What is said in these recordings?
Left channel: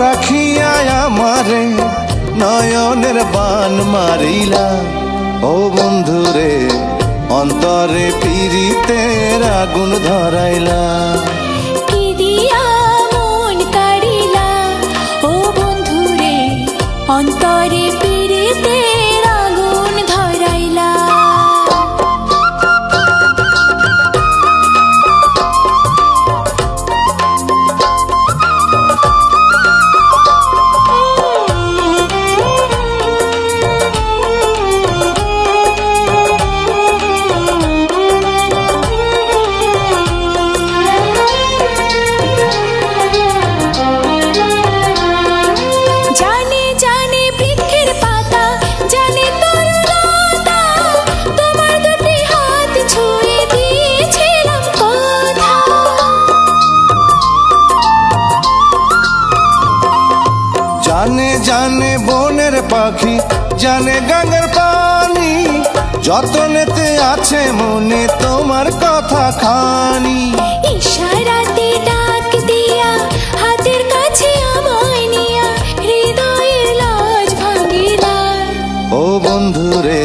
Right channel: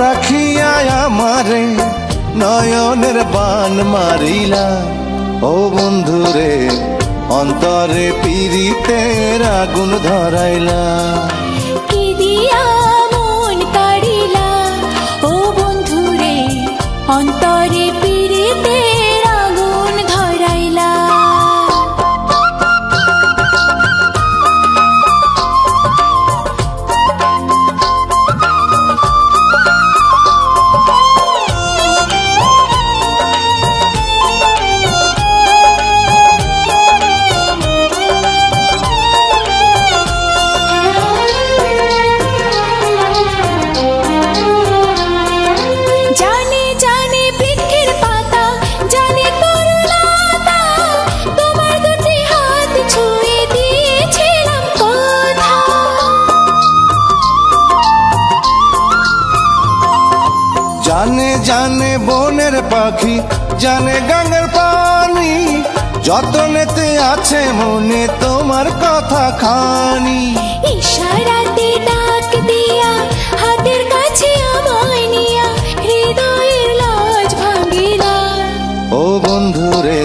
রাখিয়া আমারে নয়নের বান মারিলা। ও বন্ধুরে অন্তরে পীড়িতের আগুন ধরাইলা। কি দিয়া মন কাড়িলা, ও বন্ধুরে অন্তরে পীড়িতের আগুন ধরাইলা। জানে জানে বৃক্ষের পাতা, জানে তরুলতা, তোমার দুটি হাত ছুঁয়ে দিয়েছিলাম কথা। জানে জানে বনের পাখি, জানে গানের পানি, যতনেতে আছে মনে তোমার কথা খানি। ইশারাতে ডাক দিয়া হাতের কাছে আমায় নিয়া হৃদয়ের লাজ ভাঙিলা। ও বন্ধুরে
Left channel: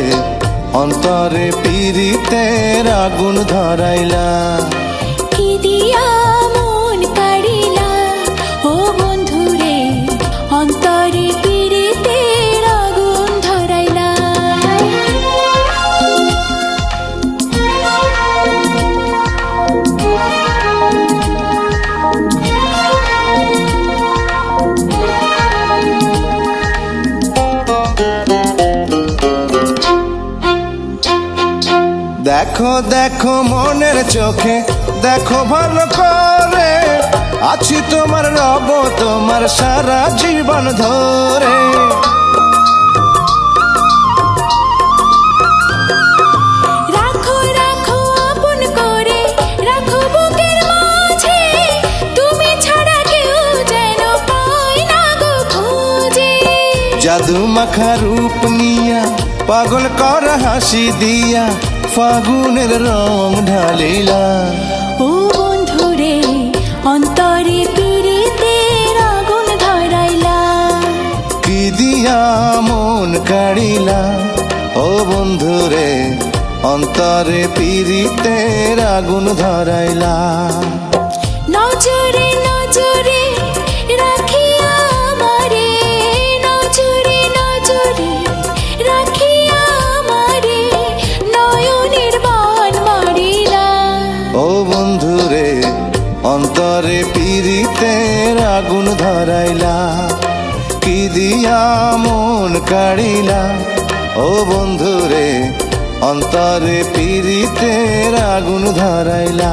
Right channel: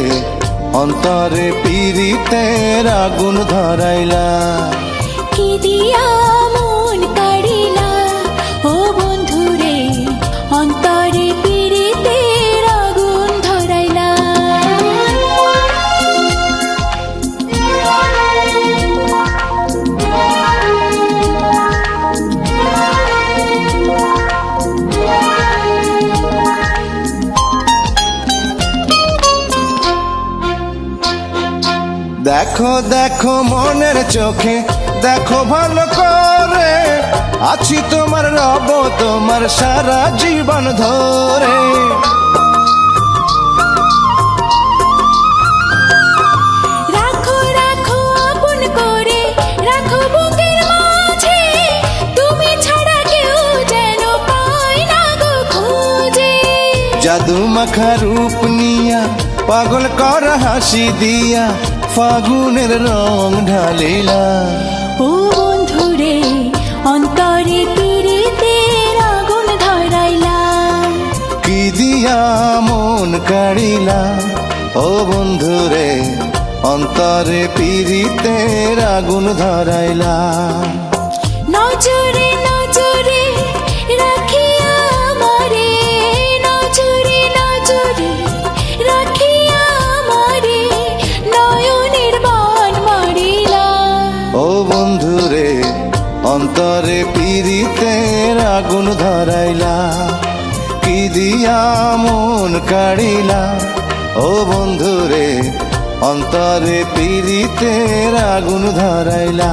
অন্তরে পীড়িতের আগুন ধরাইলা। কি দিয়া মন কাড়িলা, ও বন্ধুরে অন্তরে পীড়িতের আগুন ধরাইলা। দেখো দেখো মনের চোখে দেখো ভালো করে, আছি তোমার রব তোমার সারা জীবন ধরে। রাখো রাখো আপন করে, রাখো বুকের মাঝে, তুমি ছাড়া কেউ যেন পায় না গো খোঁজে। জাদু মাখা রূপ নিয়া পাগল কর হাসি দিয়া ফাগুনের রং ঢালিলা। ও বন্ধুরে অন্তরে পীড়িতের আগুন ধরাইলা। কি দিয়া মন কাড়িলা, ও বন্ধুরে অন্তরে পীড়িতের আগুন ধরাইলা। নজরে নজরে রাখিয়া আমারে, নজরে নজরে রাখিয়া আমারে নয়নের বান মারিলা। ও বন্ধুরে অন্তরে পীড়িতের আগুন ধরাইলা। কি দিয়া মন কাড়িলা, ও বন্ধুরে অন্তরে পীড়িতের আগুন ধরাইলা।